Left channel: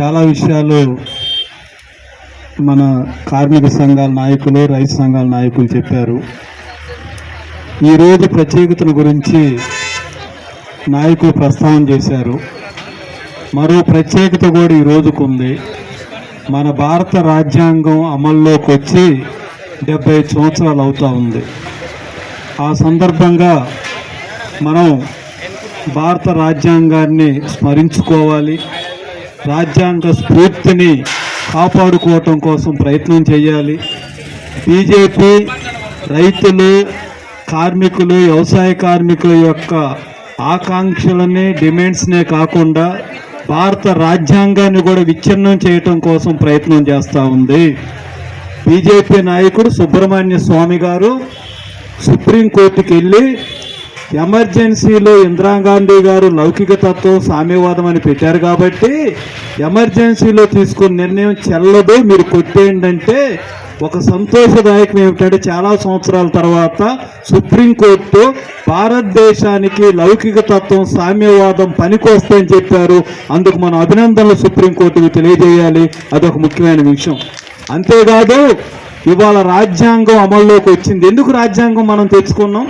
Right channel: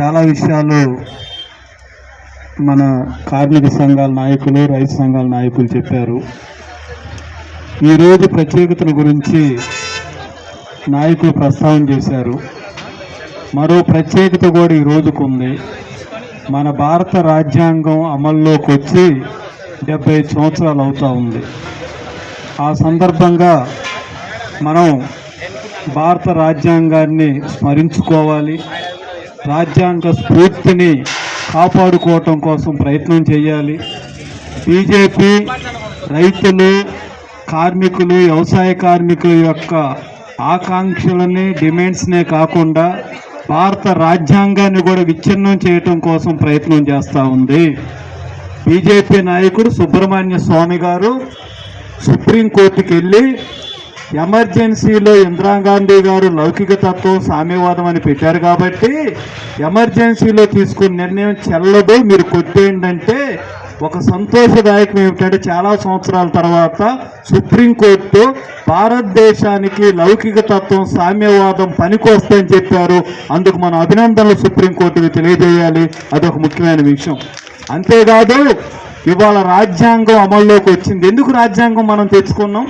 చాలా విషయాలు మన కార్మిక సంఘాల నాయకులు రైతు సంఘాల నాయకులు చెప్పారు. ఈరోజు ప్రత్యేకతల గురించి నాయకులు ప్రస్తావన చేశారు. మరో ప్రత్యేకత కూడా ఈ రోజుకు ఉంది. మన భారత రాజ్యాంగం అమల్లోకి వచ్చి డెబ్బై సంవత్సరాలు అవుతూ ఉంది. ఆ సందర్భంగా మనం భారత రాజ్యాంగాన్ని స్మరించుకోవాలి. రాజ్యాంగ స్ఫూర్తిని కాపాడుకోవటం కోసం ప్రయత్నం చేయాలి. బీజేపీ రైతులు కార్మికులు వ్యవసాయ కార్మికుల యొక్క ఆకాంక్షలని డిమాండ్స్నే కాకుండా భారత రాజ్యాంగాన్ని కూడా విచ్ఛిన్నం చేయటం కోసం ప్రయత్నం చేస్తూ ఉంది. బీజేపీ నాయకుడు సుబ్రహ్మణ్య స్వామి గారు సుప్రీంకోర్టుకి వెళ్ళి ఎమర్జెన్సీలో ఇందిరాగాంధీ గారు లౌకిక తత్వం సామ్యవాదం అని పెట్టారు కాబట్టి ఎమర్జెన్సీలో తీసుకున్న నిర్ణయం చెల్లదు. మీరు కొట్టేంటంటే ఒక సంతోషదాయకం ఏమిటంటే చాలా సంవత్సరాల తర్వాత సుప్రీంకోర్టు భారతదేశానికి లౌకిక తత్వం సామ్యవాదం పనికొస్తాయని చెప్పారు. అందుకు మన అభినందనలు సుప్రీంకోర్టుకి తెలియజేయాలి. అదొక ముఖ్యమైన విషయం. అంతేకాదు ఇవాళ రాజ్యాంగం అమల్లోకి వచ్చింది. ఎందుకు రాజ్యాంగం మనం తెచ్చుకున్నాం?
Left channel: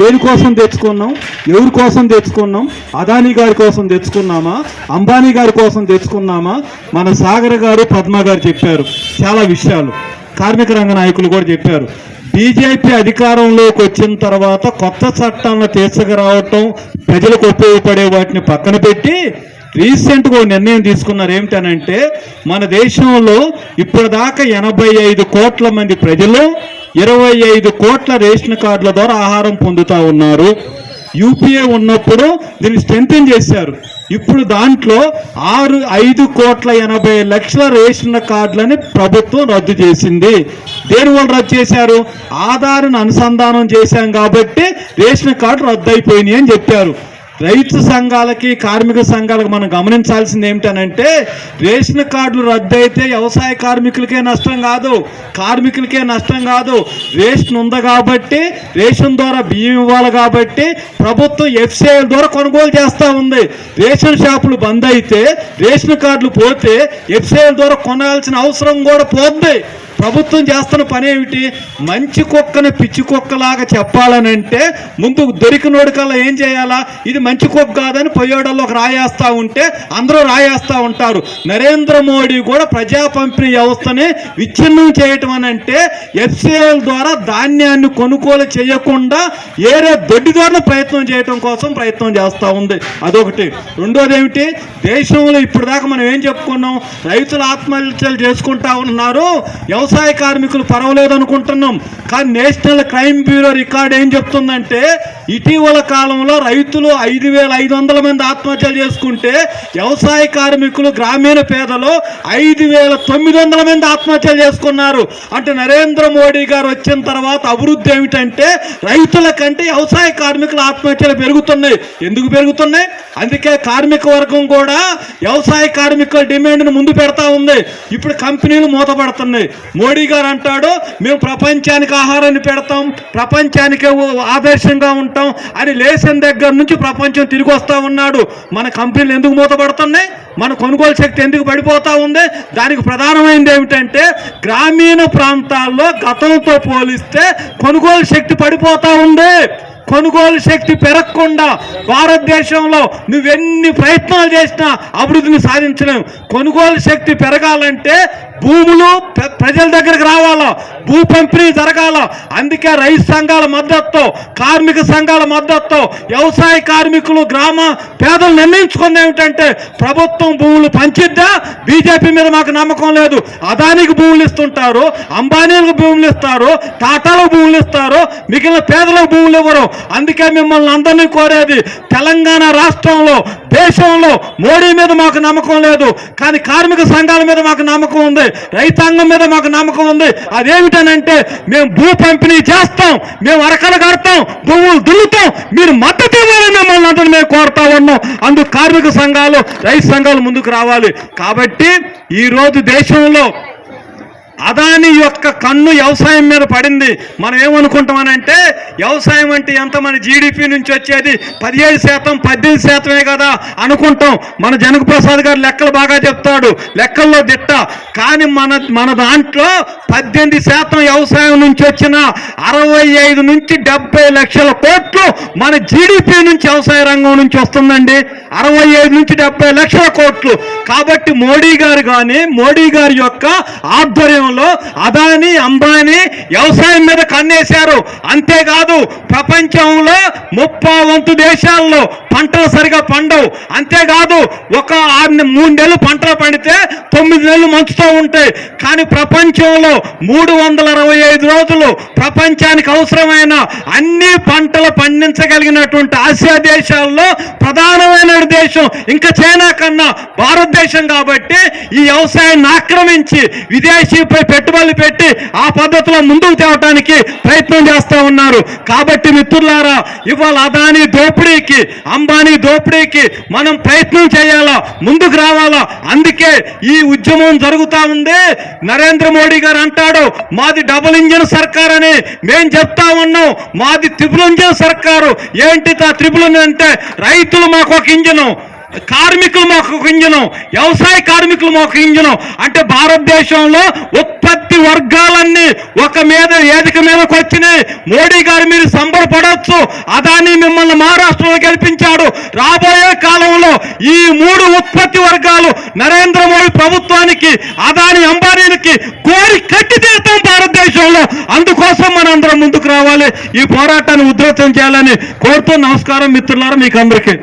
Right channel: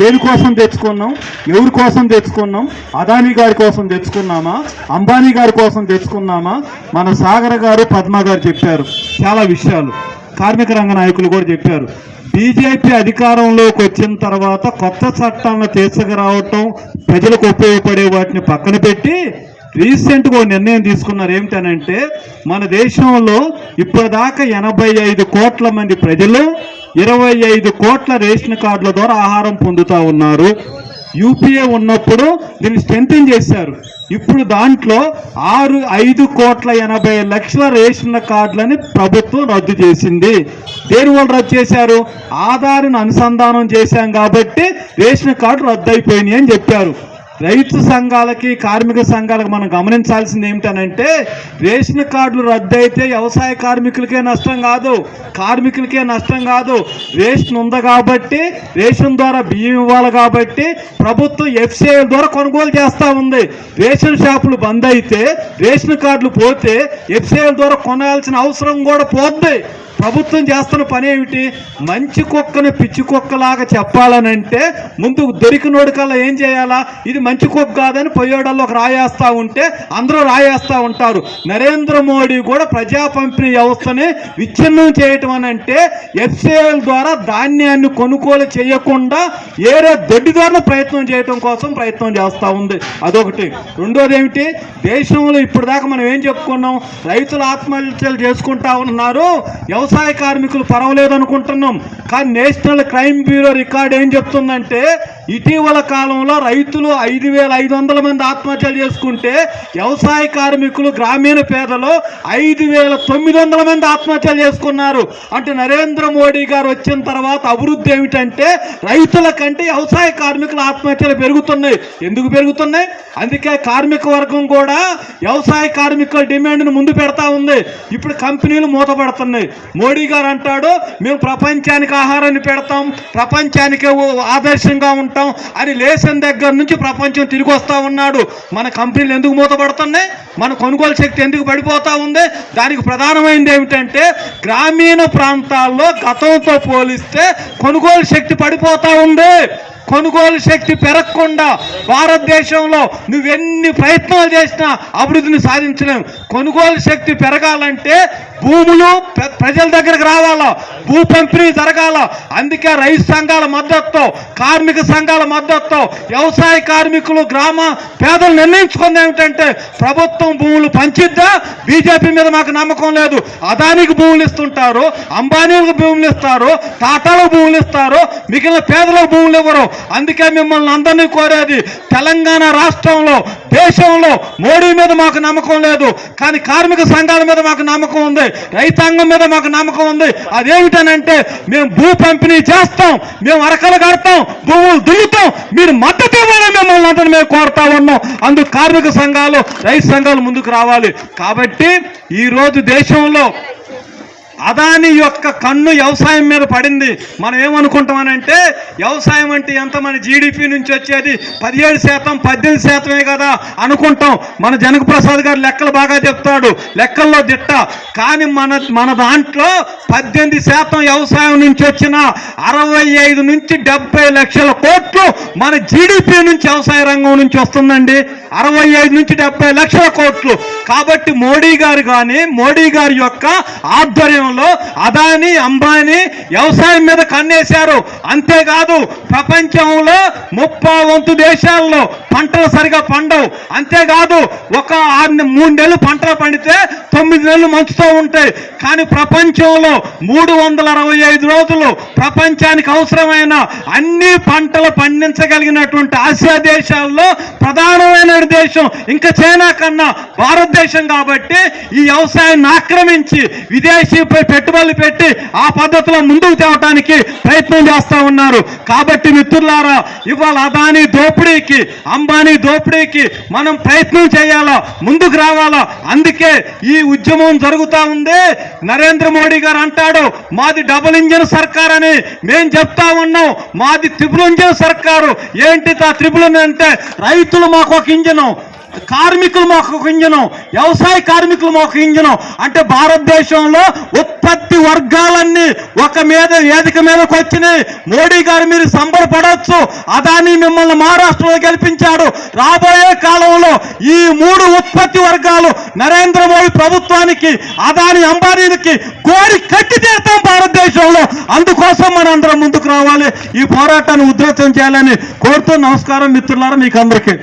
దేనికోసం తెచ్చుకున్నాం? ఎవరి కోసం తెచ్చుకున్నాం? అదానీ గారి కోసం తెచ్చుకున్నామా? అంబానీ గారి కోసం తెచ్చుకున్నామా? మన సాగర్ గారు పద్మ గారు చెప్పారు. చాలా విషయాలు. కార్మిక రంగ నాయకులు కూడా చెప్పారు. బీజేపీ అధికారంలోకి వచ్చిన తర్వాత కొత్త చట్టాలను తీసుకురావటం ప్రజలకు ఉపయోగపడే వాటిని పక్కన పెట్టి రీసెంట్గా నిర్ణయం తీసుకున్నారు. ఏమిటనంటే మన దేశంలో ఇప్పటిదాకా ఎనభై ఐదు కోట్ల మంది ప్రజలు ఇరవై ఐదు కోట్ల రేషన్ కార్డుల ద్వారా ఆహారం పొందుతూ ఉన్నారు. యూపీఏ ఉన్నప్పుడు దీన్ని స్ట్రెంథింగ్ చేశారు. ఇప్పుడు దాంట్లో ఆరు ఐదు కోట్ల ఎనభై లక్షల రేషన్ కార్డులని ప్రభుత్వం రద్దు చేసింది. దేని వల్ల రద్దు చేశారు? ఆధార్ను అనుసంధానం చేశాం కాబట్టి రేషన్ కార్డు రద్దు అయిపోయినాయి అని చెప్పారు. రైతు సంఘాలకి కార్మిక సంఘాలకు మనం గమనించాల్సింది ఏమిటనంటే రేషన్ కార్డులు రద్దు అయితే వ్యవసాయ కార్మికులకే నష్టం కాదు కార్మికులకే నష్టం కాదు. రేషన్ ఉంది కాబట్టి రేషన్ ద్వారా బియ్యం ఇవ్వాలి కాబట్టి ప్రభుత్వం ఎఫ్సిఐ ద్వారా కొనుగోలు చేస్తూ ఉంది. రేషన్ షాపులు బంద్ అయితే రేషన్ కార్డులు పోతే ఎఫ్సిఐ ద్వారా కొనాల్సిన అవసరం కూడా పోద్ది. ప్రభుత్వం చేస్తున్న పని ఏమిటి? మంచి కుక్కని పిచ్చి కుక్కలాగా చెప్పాలనంటే ముందు దొరికినోడి కల్లా ఏం చేయాలా? ఇది మంచి కుక్క కాదని పొయ్యోడల్లో ఒక రాయేస్తూ ఉంటే అందరూ రాయేస్తూ ఉంటారు. నరేంద్ర మోడీ కూడా ప్రజా పంపిణీ వ్యవస్థని విచ్ఛిన్నం చేయటం అని అంటే ఎఫ్సిఐల ద్వారా ధాన్యాన్ని కొనుగోలు చేయకుండా ఏరే దొడ్డి ద్వారా ప్రయత్నం చేయటం కోసం ప్రయత్నం చేస్తూ ఉంది. అదొకటి. రెండోది ఏమిటి? దేశంలో ఇప్పటిదాకా మనం ఏం చెప్పుకున్నాం? రైతులు ఆత్మహత్యలు చేసుకుంటా ఉన్నారు. వ్యవసాయ వ్యవసాయ కార్మికులు పర్వలేదు అనుకుంటున్నాం కానీ నేషనల్ క్రైమ్ బ్యూరో రికార్డ్ ఏం చెప్తుందంటే ఇటీవల కాలంలో రైతులు ఐదు వేల ఐదు వందల మంది ఆత్మహత్యలు చేసుకుంటే వ్యవసాయ కార్మికులు గ్రామీణ పేదలు ఐదు వేల తొమ్మిది వందల మంది ఆత్మహత్యలు చేసుకున్నారు. అంటే నరేంద్ర మోడీ గారు వచ్చిన తర్వాత అభివృద్ధి ఏమిటంటే రైతుల కంటే వ్యవసాయ కార్మికుల ఆత్మహత్యలు పెరుగుతున్నాయి. ఎందుకు పెరుగుతున్నాయి? అందుకే కార్మిక వర్గం కూడా వ్యవసాయ కార్మికుల డిమాండ్ను ముందు పెడతా ఉంది. ఇప్పుడు కంపెనీలు మూతపడుతున్నాయి. మోడీ గారు అంటాడు మేము ప్రపంచానికి ఆహారాన్ని పెడతాం ప్రపంచానికి ఆదర్శంగా ఉంటాం అని లేచిన దగ్గర నుంచి ప్రపంచం తిరిగి వస్తూ ఉన్నాడు. మన కంపెనీలు ఎందుకు మూతపడుతున్నాయి? మన కొనుగోలు శక్తి ఎందుకు పడిపోతూ ఉంది? దానికి ప్రధానమైనది ఏమిటంటే గ్రామీణ ప్రాంతాల్లో గతంతో పోలిస్తే కొనుగోలు శక్తి పడిపోతూ ఉంది. కొనుగోలు శక్తి పెరగకుండా భారతదేశంలో నువ్వెన్ని ప్రయత్నాలు చేసినా అభివృద్ధిని సాధించలేము కొనుగోలు శక్తి పెరగాలంటే భూములు ప్రజల దగ్గరకు రావాలా? భూ పంపిణీ జరగాల? అందుకే రైతు సంఘాల మద్దతుతో కార్మిక సంఘాల మద్దతుతో వ్యవసాయ కార్మికులు గ్రామ పేదలు నిర్ణయించుకుంది ఏమిటంటే ప్రభుత్వం భూములు పంచిద్దా? బీజేపీ మీద మాకు నమ్మకం లేదు. అదానికి భూములు ఇస్తుంటారు అంబానీలకు భూములు ఇస్తారు టాటాలకు భూములు ఇస్తారు మిగిలిన పేదలకు భూములు ఇవ్వరు. అందుకే మిమ్మల్ని అందరినీ కోరేది తెలంగాణ రాష్ట్రంలో దేశంలో మోడీ మీద మాకు నమ్మకం లేదు. కానీ కార్మిక సంఘాల మీద మాకు నమ్మకం ఉంది. రైతాంగం మీద మాకు నమ్మకం ఉంది. అదేమిటనంటే మేము భూ పంపిణీ చేస్తాం మేము అరకలు కడతాం భూములు దున్నుతాం మీరు మద్దతు ఇవ్వాలి మిమ్మల్ని అంటే మేము కోరుతా ఉన్నాం. అందుకు కార్మిక సంఘాలు రైతు సంఘాలు ముందుకు రావాలి. కాబట్టి ఈ రోజు దేశంలో అదాని యొక్క కన్ను వ్యవసాయం మీద పడింది. మనం ఏమనుకుంటామనంటే వ్యవసాయం అంటే ఎంత? మన జీడిపి నుంచి వచ్చేది పదిహేడు శాతం పద్దెనిమిది శాతమే కదా అనుకుంటాం. మన జనక ప్రసాద్ గారు లెక్కలు బాగా చెప్తాడు. లెక్కల్లో దిట్ట. కానీ మన మన దాంట్లో పద్దెనిమిది శాతం వ్యవసాయం నుంచి వచ్చిన అరవై ఐదు నుంచి డెబ్బై లక్షల కోట్లు మన జీడిపి నుంచి వ్యవసాయ రంగం నుంచి వస్తుందండి. అరవై ఐదు నుంచి డెబ్బై లక్షల కోట్లు. కాబట్టి మోడీ గారు కానీ మోడీ గారి యొక్క ఆధ్వర్యంలో అదాని అంబానీ వ్యవసాయం మీద కన్నేశారు. అంతేకాదు ప్రపంచంలో ముప్పై వంతు దేశాల్లో పంటలు సరిగా పండవు. అంతేకాదు ఒక ఆరు మూడు నెలలు పంటలు పండితే తొమ్మిది నెలలు మంచుతో ఉంటాయి. కానీ ప్రపంచంలో మూడు వందల అరవై ఐదు రోజులు ప్రపంచానికి అవసరమైన అన్ని పంటలు పండించగలిగినటువంటి ఆసియా దేశాల్లో ప్రధానమైన దేశం ఇంకా చైనా కన్నా భారతదేశం కాబట్టి ఈ వ్యవసాయాన్ని ఆక్రమించి విదేశీపై పెట్టుబడులు పెట్టి ఆ పద్ధతిలో ముందుకు తేవటానికి ప్రయత్నం చేస్తా ఉన్నారు. కాబట్టి మిత్రులారా ఇవాళ అదాని దోపిడీకి అంబానీ దోపిడీకి మనం ప్రయత్నం చేయాలా? ముందుకు రావాలా? అందుకే ఈ ఉద్యమం జరుగుతా ఉంది. నరేంద్ర మోడీ గారు అంటాడు మాది డబుల్ ఇంజన్ సర్కార్ అని మేం చెప్తా ఉన్నాం. మాది త్రిపుల్ ఇంజన్ సర్కారు. ఏంటి ఆ త్రిపుల్ అంటే రైతులు మాకు ఒక ఇంజన్ కార్మికులు మాకు ఒక ఇంజనం వ్యవసాయ కార్మికులు మాకు ఇంజనం అంటే భారతదేశంలో ఉత్పత్తి వర్గాలన్నీ ఒక మీద వేదిక మీదకి వచ్చినాయి. మోడీ గారు మీరు సంబరపడవచ్చు అదాని మిమ్మల్ని మహారాష్ట్రలో గెలిపించాడు. రాబోయే కాలంలో ఈ మూడు ఉత్పత్తి వర్గాలు నరేంద్ర మోడీ ప్రభుత్వానికి అదాని అంబానీలకి కోరి కట్టి తీరుతాం భారతదేశంలో. అందుకోసం మనం అందరం ముందుకు రావాలి. ఈ పోరాటాన్ని ఉధృతం చేయాలని కోరుతూ నమస్కారం మిత్రులారా మీకు అందరికీ